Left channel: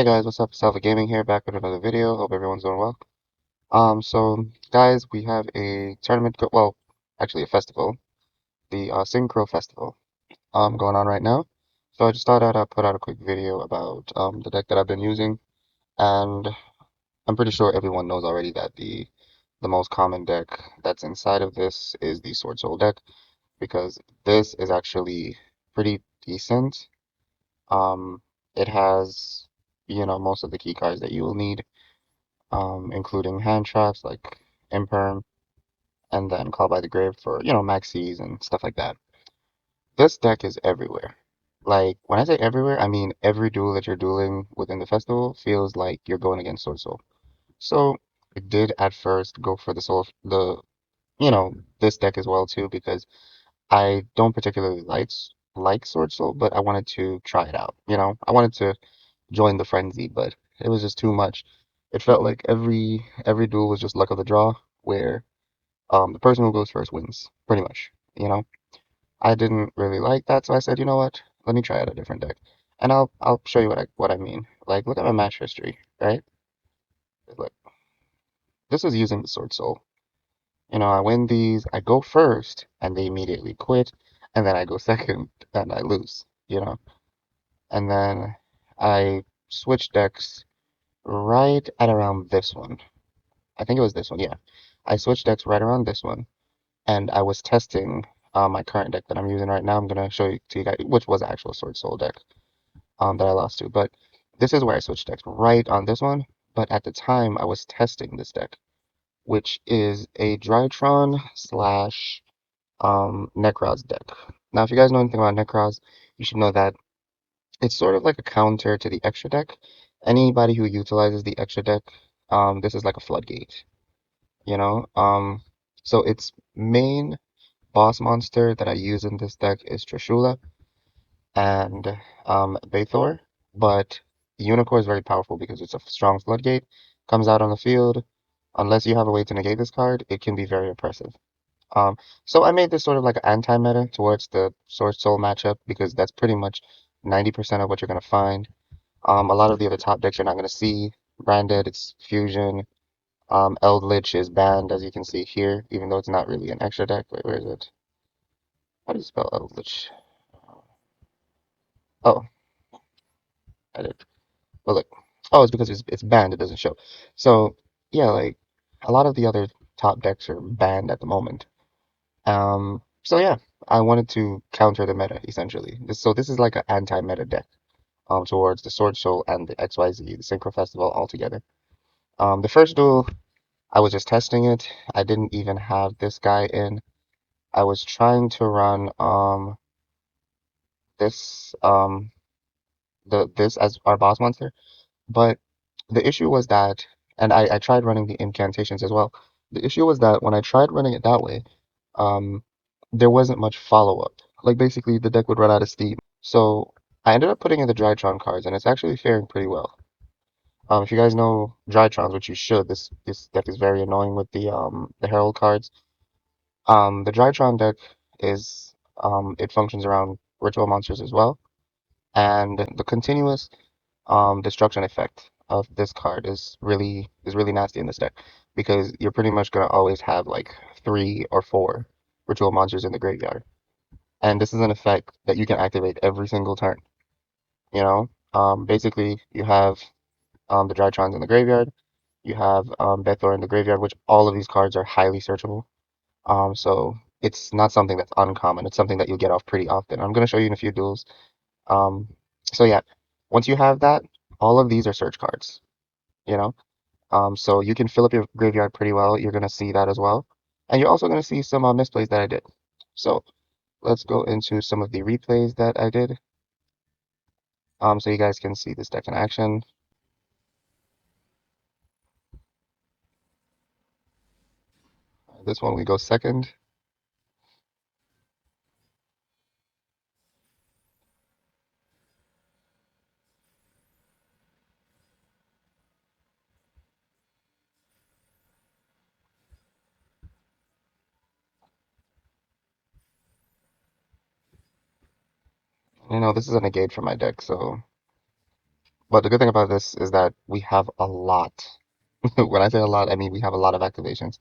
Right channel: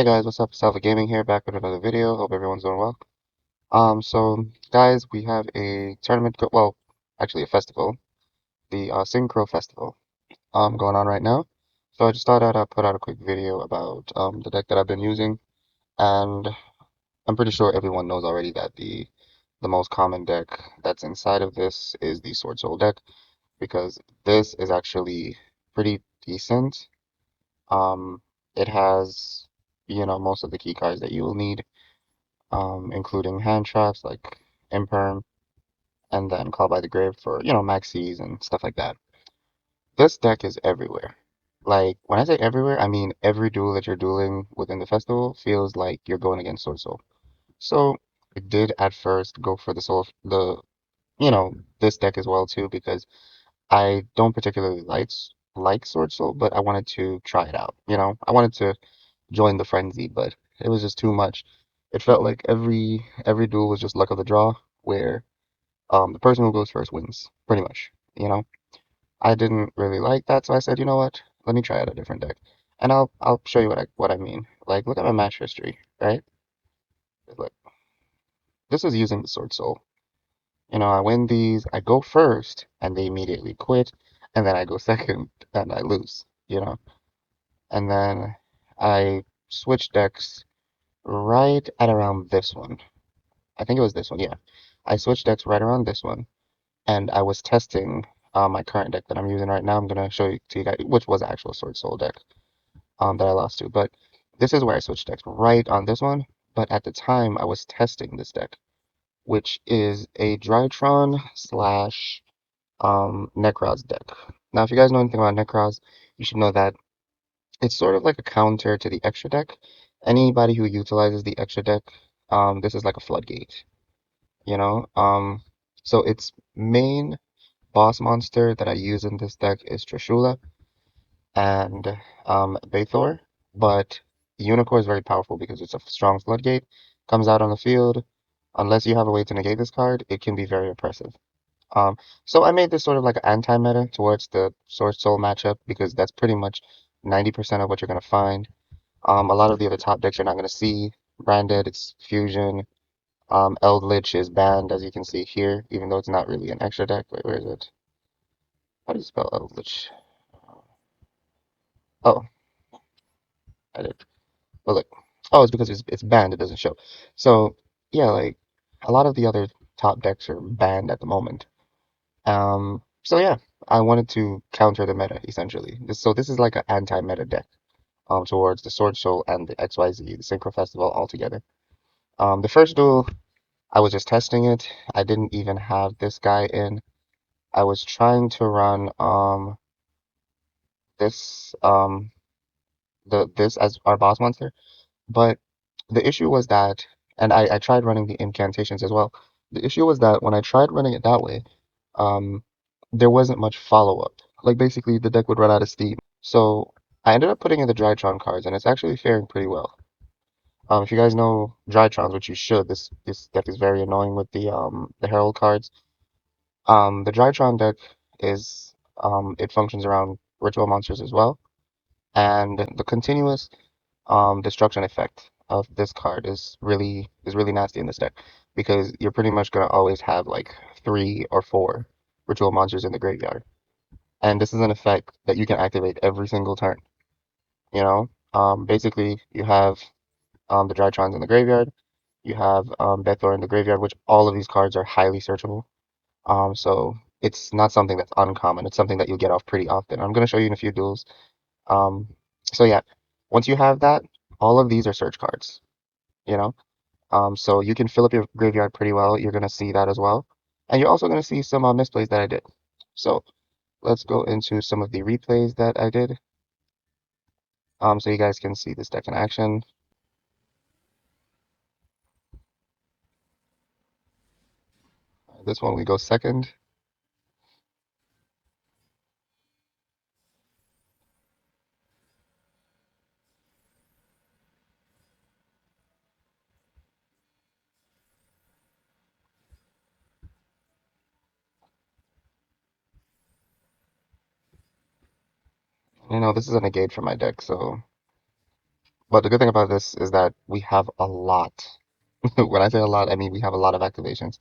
Hey guys, what's up? Salva Gaming here, back with another video. Hope everyone's doing well. So guys, we have a tournament, well, actually a festival, the Syncro festival, going on right now. So I just thought I'd put out a quick video about the deck that I've been using, and I'm pretty sure everyone knows already that the most common deck that's inside of this is the Sword Soul deck, because this is actually pretty decent. It has, most of the key cards that you will need, including hand traps like Imperm, and then Call by the Grave for, maxis and stuff like that. This deck is everywhere. Like, when I say everywhere, I mean every duel that you're dueling within the festival feels like you're going against Sword Soul. So, I did at first go for this deck as well too, because I don't particularly like Sword Soul, but I wanted to try it out. I wanted to join the frenzy, but it was just too much. I felt like every duel was just luck of the draw, where the person who goes first wins, pretty much. You know, I didn't really like that, so I said, you know what? Let me try out a different deck, and I'll show you what I mean. Like, look at my match history, right? Like, this is using the Sword Soul. I win these, I go first, and they immediately quit, and then I go second, and I lose. And then I switch decks right at around this one. I think it was this one, yeah. I switched decks right around this one, and I was testing my current deck that I'm using right now. I'm gonna show you to you guys, which was an actual Sword Soul deck that I lost to. But this is where I switched decks, right on this one. But at the time, I was testing this deck, which is a Drytron slash Necroz deck. Now, if you guys know anything about Necroz, you should know that it's sort of like a counter to the extra deck. Anybody who utilizes the extra deck, this is like a floodgate. you know. So its main boss monster that I use in this deck is Trishula and Bathor, but Unicorn is very powerful because it's a strong floodgate. Comes out on the field. Unless you have a way to negate this card, it can be very oppressive. Um, so I made this sort of like an anti-meta towards the Sword Soul matchup because that's pretty much 90% of what you're gonna find. A lot of the other top decks you're not gonna see. Branded, it's Fusion, Eldritch is banned, as you can see here, even though it's not really an extra deck. Wait, where is it? How do you spell Eldritch? Oh, I did. Oh, look. Oh, it's because it's banned, it doesn't show. So, yeah, like, a lot of the other top decks are banned at the moment. So yeah, I wanted to counter the meta, essentially. So this is like an anti-meta deck, towards the Sword Soul and the XYZ, the Synchro Festival altogether. The first duel, I was just testing it. I didn't even have this guy in. I was trying to run this this as our boss monster, but the issue was that, and I tried running the incantations as well. The issue was that when I tried running it that way, um, there wasn't much follow-up. Like basically the deck would run out of steam. So I ended up putting in the Drytron cards, and it's actually faring pretty well. If you guys know Drytrons, which you should, this deck is very annoying with the Herald cards. The Drytron deck is it functions around ritual monsters as well. And the continuous destruction effect of this card is really nasty in this deck because you're pretty much gonna always have like 3 or 4 ritual monsters in the graveyard, and this is an effect that you can activate every single turn. Basically you have the Drytrons in the graveyard, you have Bethar in the graveyard, which all of these cards are highly searchable. So it's not something that's uncommon. It's something that you'll get off pretty often. I'm gonna show you in a few duels. Um, so yeah, once you have that, all of these are search cards, you know. So you can fill up your graveyard pretty well. You're gonna see that as well, and you're also gonna see some misplays that I did. So let's go into some of the replays that I did. So you guys can see this deck in action. This one we go second. This is a negate for my deck, so But the good thing about this is that we have a lot. When I say a lot, I mean we have a lot of activations.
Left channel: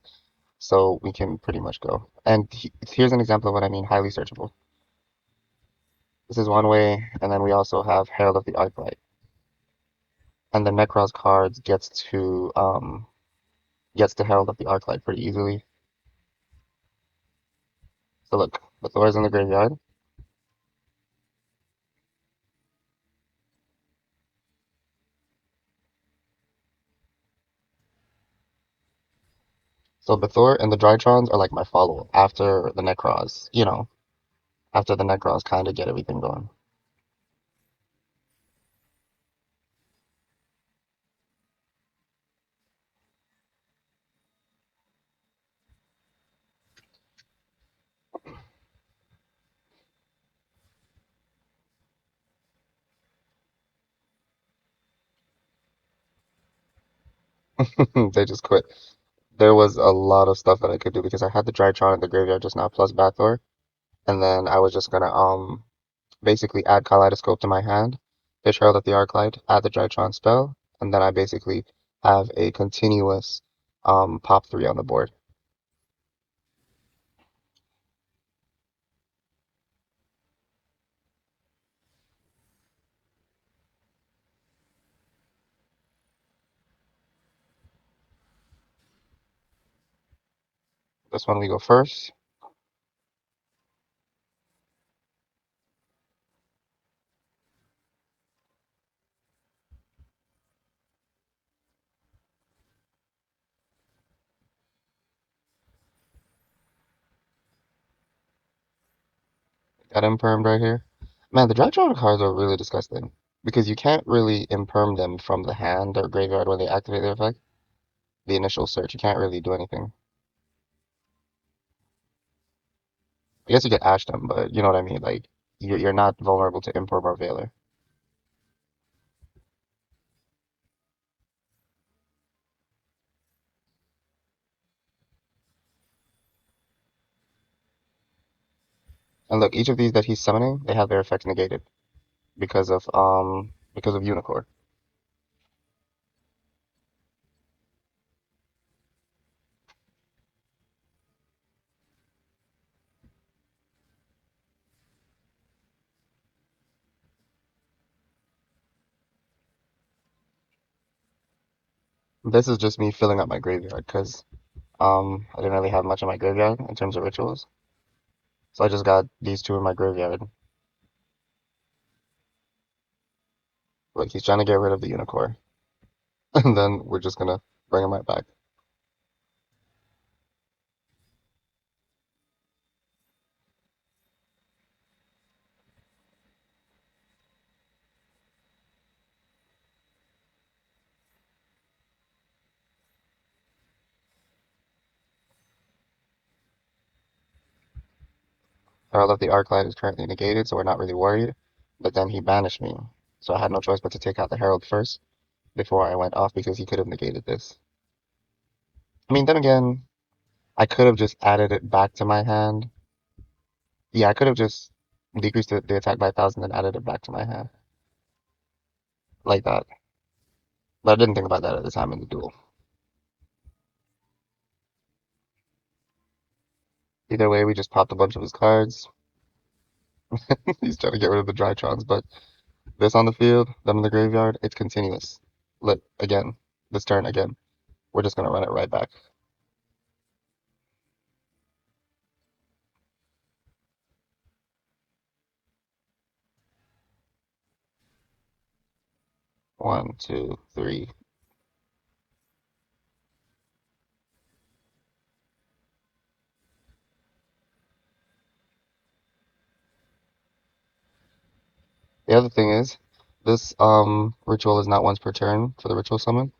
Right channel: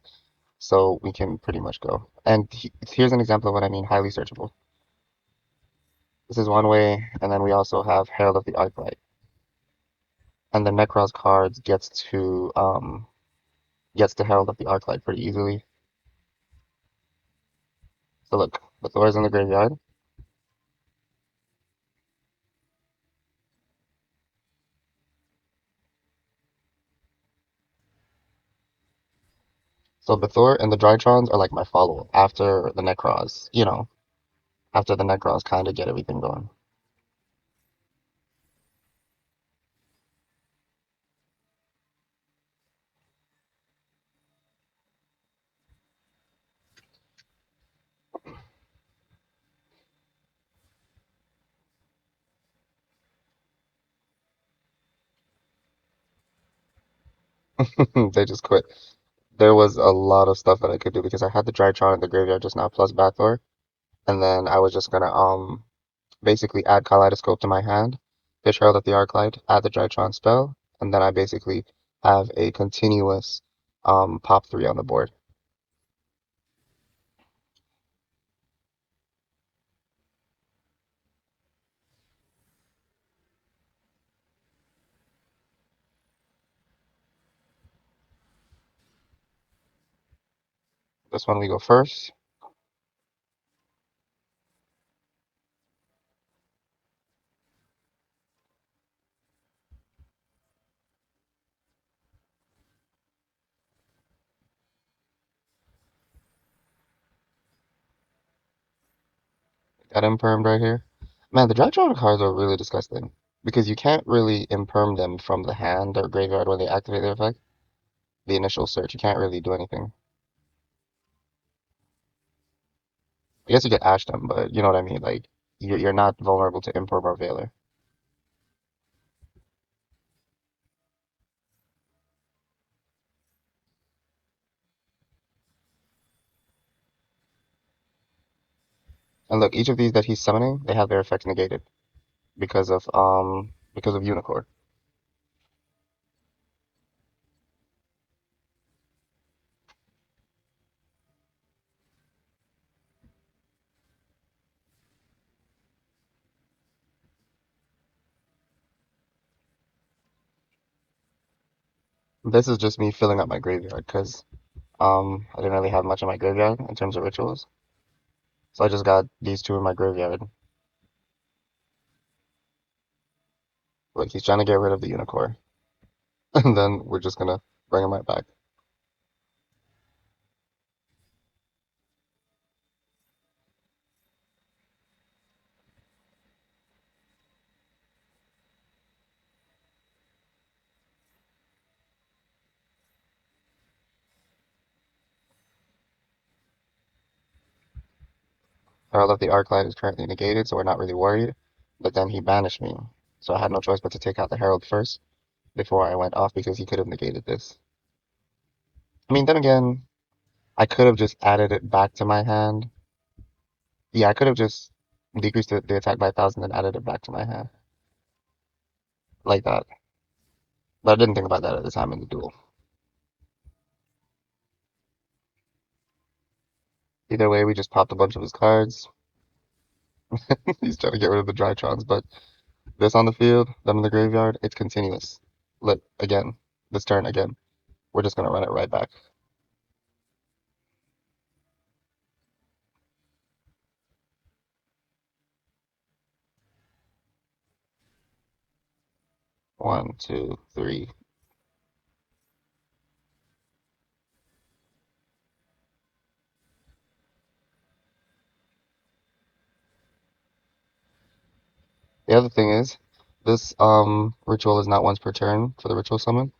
So we can pretty much go. And here's an example of what I mean, highly searchable. This is one way, and then we also have Herald of the Arclight. And the Necros cards gets to Herald of the Arclight pretty easily. So look, the Thor's in the graveyard. So the Thor and the Drytrons are like my follow-up after the Necros, after the Necros kind of get everything going. They just quit. There was a lot of stuff that I could do because I had the Drytron in the graveyard just now plus Bathor, and then I was just gonna basically add Kaleidoscope to my hand, hit Herald of the Arclight, add the Drytron spell, and then I basically have a continuous pop three on the board. This one we go first. Got impermed right here. Man, the Drytron cards are really disgusting because you can't really imperm them from the hand or graveyard when they activate their effect. The initial search, you can't really do anything. I guess you could ash them, but you know what I mean. Like you're not vulnerable to imperm or Veiler. And look, each of these that he's summoning, they have their effects negated because of Unicorn. This is just me filling up my graveyard because I didn't really have much in my graveyard in terms of rituals, so I just got these two in my graveyard. Like he's trying to get rid of the Unicorn, and then we're just gonna bring him right back. Herald of the Arclight is currently negated, so we're not really worried. But then he banished me, so I had no choice but to take out the Herald first before I went off because he could have negated this. I mean, then again, I could have just added it back to my hand. Yeah, I could have just decreased the attack by 1,000 and added it back to my hand like that. But I didn't think about that at the time in the duel. Either way, we just popped a bunch of his cards. He's trying to get rid of the Drytrons, but this on the field, them in the graveyard, it's continuous. Look, again, this turn again. We're just gonna run it right back. 1, 2, 3. The other thing is, this ritual is not once per turn for the ritual summon,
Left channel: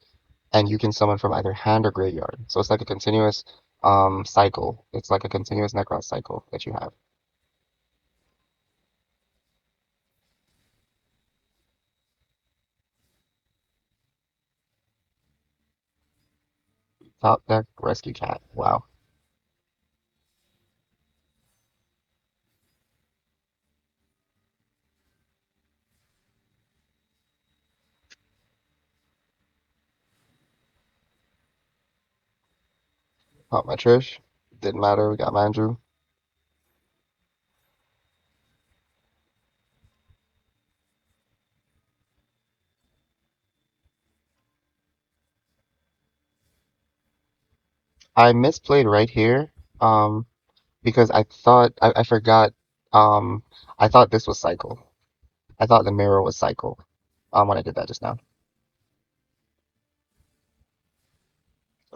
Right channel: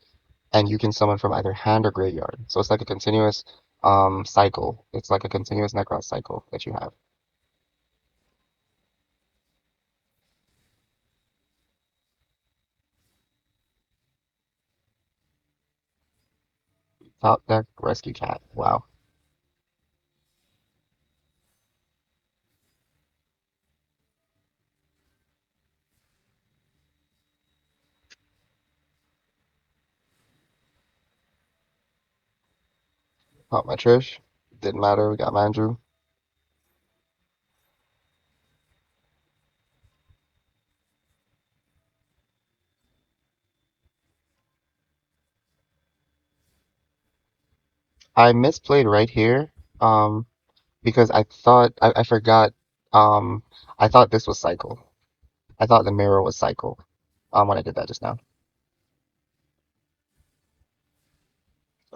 and you can summon from either hand or graveyard. So it's like a continuous cycle. It's like a continuous Necros cycle that you have. Top deck rescue cat. Wow. Not my Trish. Didn't matter. We got my Andrew. I misplayed right here. Because I forgot. Um, I thought this was cycle. I thought the mirror was cycle. When I did that just now.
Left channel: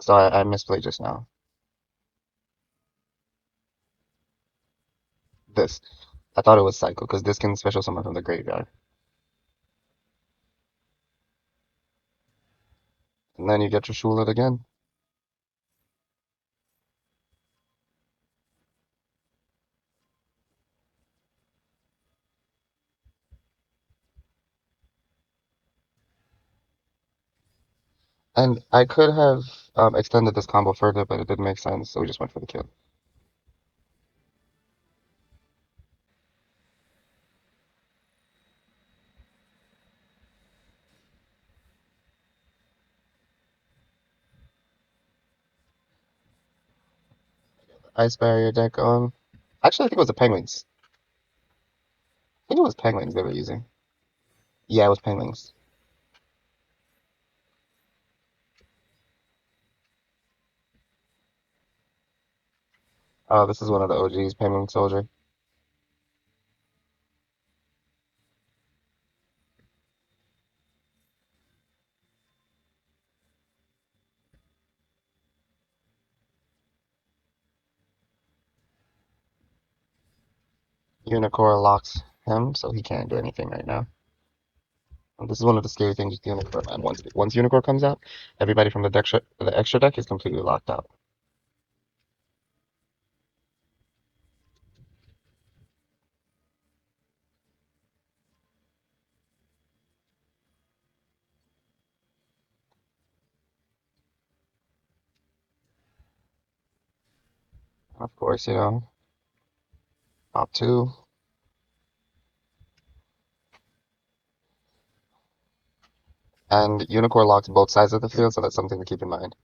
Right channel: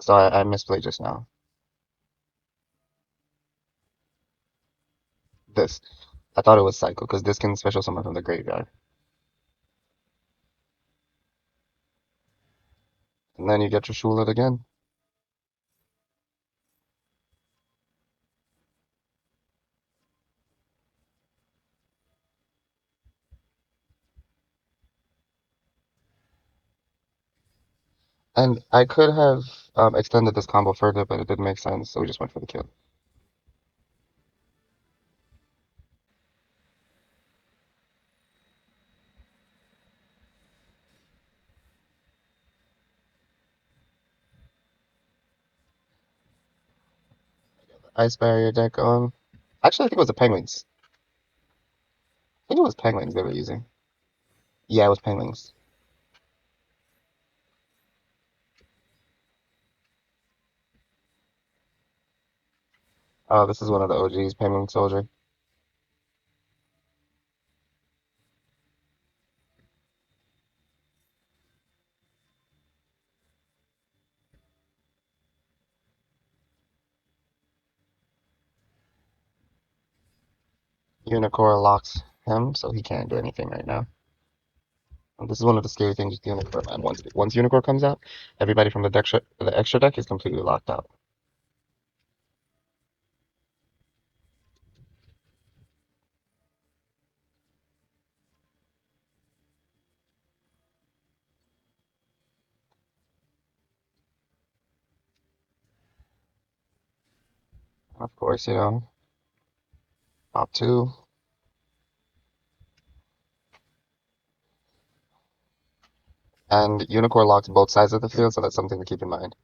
So I misplayed just now. This. I thought it was cycle because this can special summon from the graveyard. And then you get your Shulet again. And I could have extended this combo further, but it didn't make sense, so we just went for the kill. Ice barrier deck. Actually, I think it was the penguins. I think it was penguins they were using. Yeah, it was penguins. Oh, this is one of the OGs, Penguin Soldier. Unicorn locks him, so he can't do anything right now. And this is one of the scary things with Unicorn, man. Once Unicorn comes out, everybody from the extra deck is completely locked out. Of course, top two. And Unicorn locks both sides of the field, so that's something to keep in mind.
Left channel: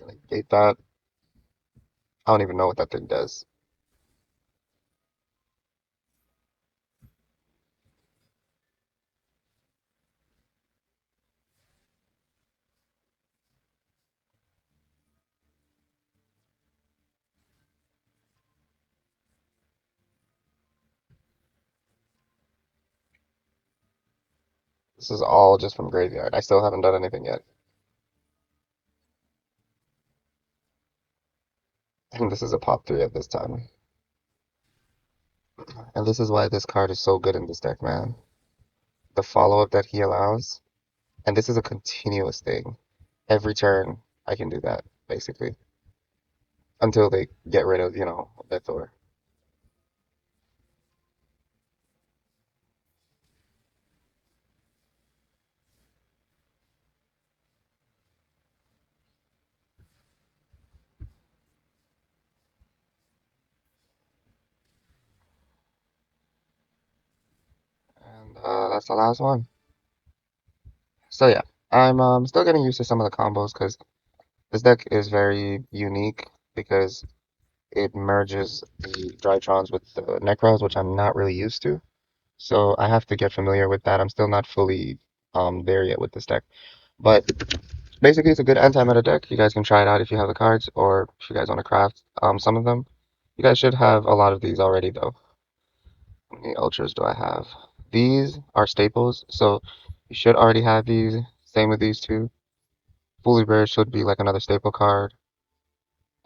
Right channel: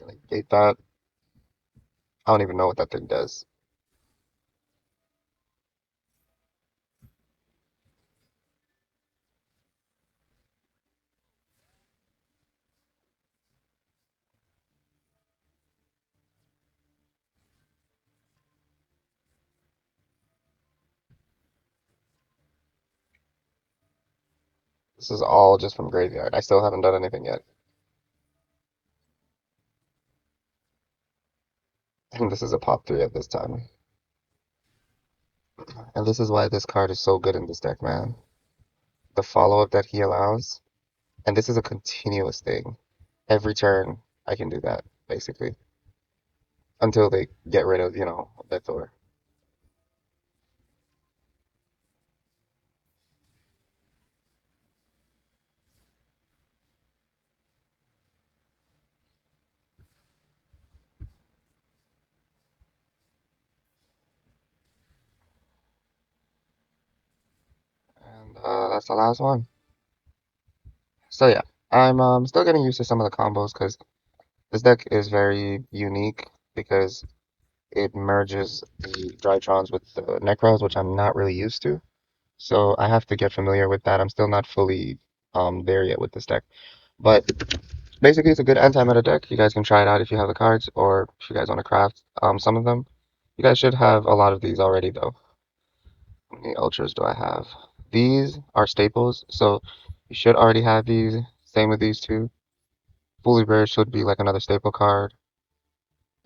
Like, hate that. I don't even know what that thing does. This is all just from graveyard. I still haven't done anything yet. And this is a pop three at this time. And this is why this card is so good in this deck, man. The follow-up that he allows. And this is a continuous thing. Every turn, I can do that, basically. Until they get rid of, Victor. And that's the last one. So yeah, I'm still getting used to some of the combos because this deck is very unique because it merges the Drytrons with the Necros, which I'm not really used to. So I have to get familiar with that. I'm still not fully there yet with this deck. But basically, it's a good anti-meta deck. You guys can try it out if you have the cards, or if you guys want to craft some of them. You guys should have a lot of these already, though. How many ultras do I have? These are staples, so you should already have these. Same with these two. Fully Rare should be like another staple card,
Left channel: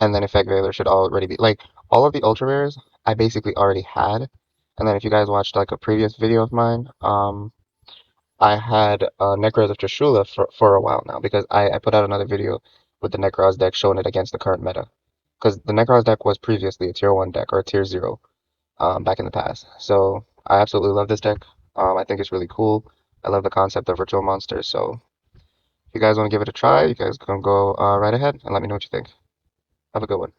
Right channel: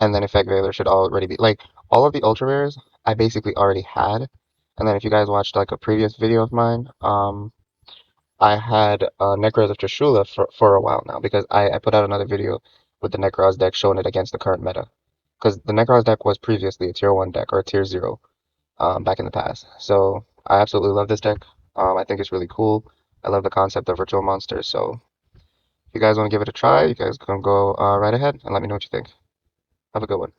and then Effect Veiler should already be like all of the ultra rares I basically already had. And then if you guys watched like a previous video of mine, I had Necros of Trishula for a while now because I put out another video with the Necros deck showing it against the current meta. Because the Necros deck was previously a tier 1 deck or a tier 0 back in the past. So I absolutely love this deck. I think it's really cool. I love the concept of virtual monsters. So if you guys want to give it a try, you guys can go right ahead and let me know what you think. Have a good one.